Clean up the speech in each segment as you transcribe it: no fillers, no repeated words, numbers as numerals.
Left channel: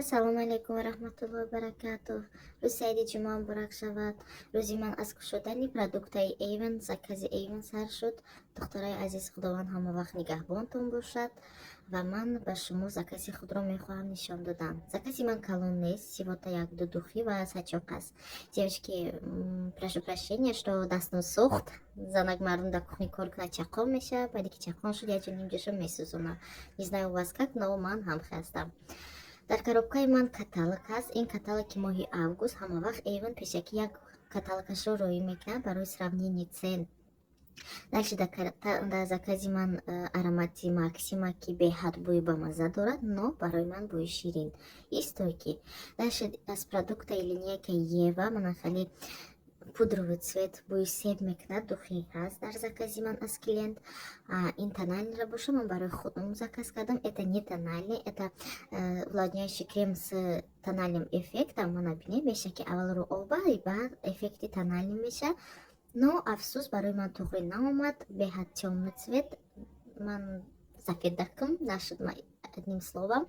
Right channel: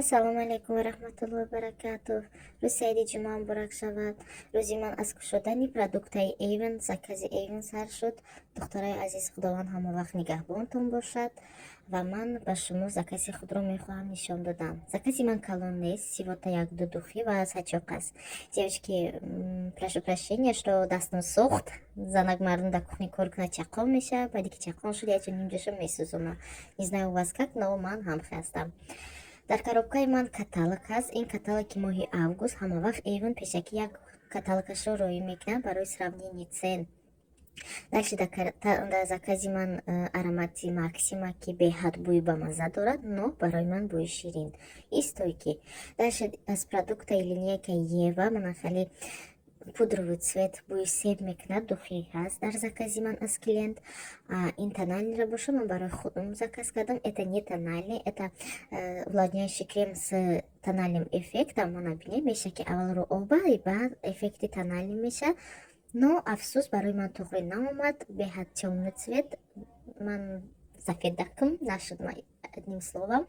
Ассалому алейкум ва рахматуллоҳи ва баракатуҳ. Рӯзи сайди ҷумъа муборак шавад. Рӯзи ман аз кушодани продуктаи Avon, закази Avon сар шуд. Духтараи азиз, худованд ҳамавақт нигаҳбонтон бошад. Ва ман ба шумо закази худро мехоҳам нишон додан. Закази ман калон нест, всего-то як-ду духи ва сачок аст. Девочки, прошу прощения, что дастон сӯхт. Занак мардум дар кухни кор кунад, чақон мешавад. Баъде ки чақон шуд, як ҷо нимҷошо месӯзонад. Не знаю у вас как, но ман ҳамхи ҳастам. Дар коробкаи ман каталог ҳаст. Ин каталоги моҳи август. Ҳамавақт Avon пешакӣ як каталогашро роӣ мекунад барои сравнении цен. Дальше дар закази ман аромати Максима ки беҳад бӯи бамазза дорад, но барои ман бӯи ширин и стойкӣ. Дальше аз продуктаи линейкаи Ева манахали пудровый цвет бӯи себ мекунад, духи ҳаст дар закази ман аз клиент. Ин тональниро боша ман барои худам заказ кардам. Это не тональный, это увлажняющий крем с тональным эффектом. Мана бинед меша ки аввал рӯ оба и баъд эффекти тональный меша. Но афсӯс барои ман туғри наомад. Беҳад чомный цвет. Ман зафедакам нашуд одним словом.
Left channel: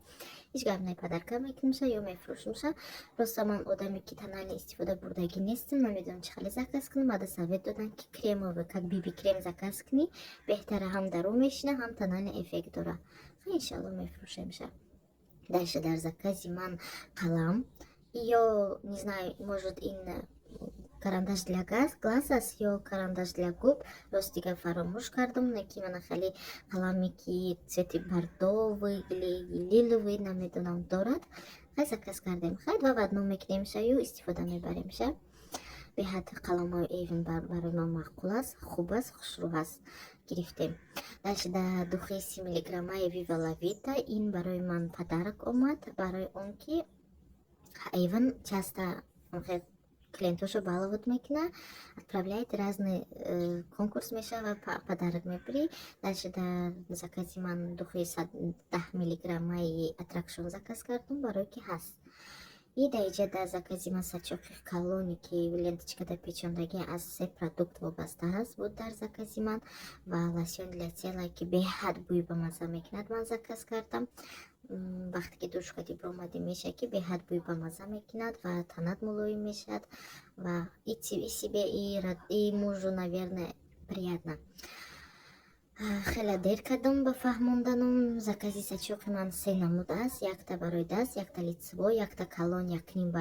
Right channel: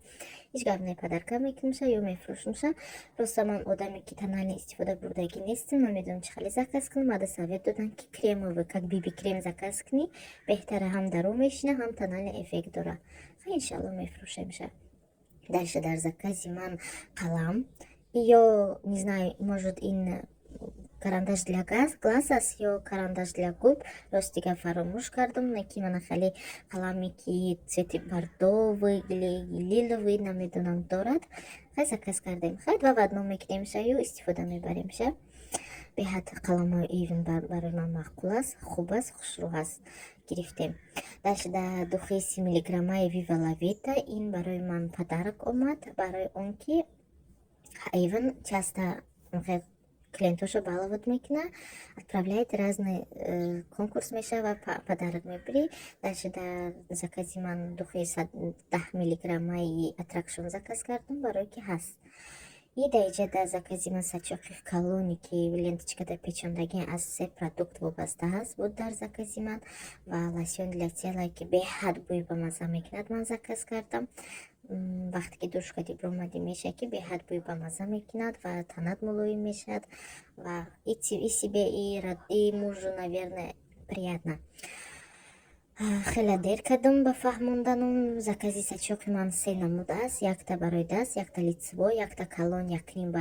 Ҳеҷ гап не подарка мекунамша ё мефурӯшамша. Просто ман одаме ки тональный истифода бурдагӣ нестам. Намедонам чӣ хеле заказ кунам. Баъда совет додан ки кремовый, как биби крем заказ кунӣ. Беҳтара ҳам дар рӯ мешина, ҳам тональный эффект дорад. Иншалло мефурӯшемша. Дальше дар закази ман қалам ё не знаю, может ин карандаш для глаз аст ё карандаш для губ. Ростига фаромӯш кардам, неки мана хеле қаламе ки цвети бордовый, лиловый намедонам дорад. Хай заказ кардем. Хай ва вадно мекунемша ё истифода мебаремша. Беҳад қаламои Avon барои ман маъқул аст, хуб аст, хушрӯ аст. Гирифтем. Дальше дар духи 30 миллиграммаи Viva La Vita. Ин барои ман подарок омад, барои он ки Avon часто клиентошо баловод мекунад, отправляет разные конкурс мешава, подарок мебери. Дальше дар закази ман духи 10 миллиграммаи Attraction заказ кардам, барои ки ҳаст. И даиҷа дар закази ман сачоқи калони ки ленточкада печондагӣ аз 3 продукт вобаста ҳаст буд дар закази ман. Ва лосьон для тела ки беҳад бӯи бамазза мекунад ман заказ кардам. Вақте ки душ кади биромадӣ меша ки беҳад бӯи бамазза мекунад ва танат мулоим мешавад. Ва и себе и мужу, наверное, приятно. Хеле дер кардам ба фаҳмонданам. Закази сачоқи ман 3 намуд аст. Якта барои даст, якта лицево, якта калон, 1 ба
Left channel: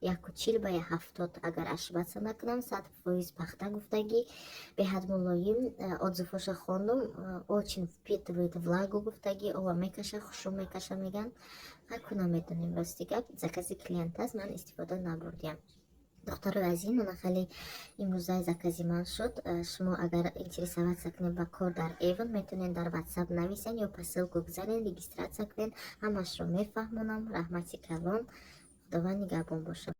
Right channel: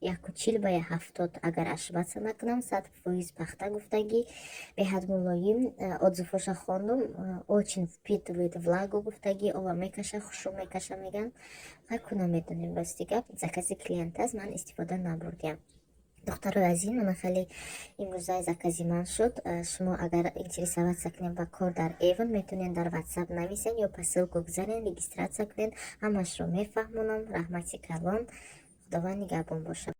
140 ба 70, агар ошибаца накунам, 100% пахта гуфтагӣ, беҳад мулоим. Отзывоша хондум, очень впитывает влагу гуфтагӣ, оба мекаша, хушрӯ мекаша меган. Ҳаку намедонем рости гап, закази клиент аст, ман истифода набурдям. духтарои азиз, мана хеле имрӯзаи закази ман шуд. Шумо агар интересоваться кунед ба кор дар Avon, метавонед дар WhatsApp нависен ё посилку гузарен, регистратсия кунед. Ҳамашро мефаҳмонам. Раҳмати калон. худованд нигаҳбон бошад.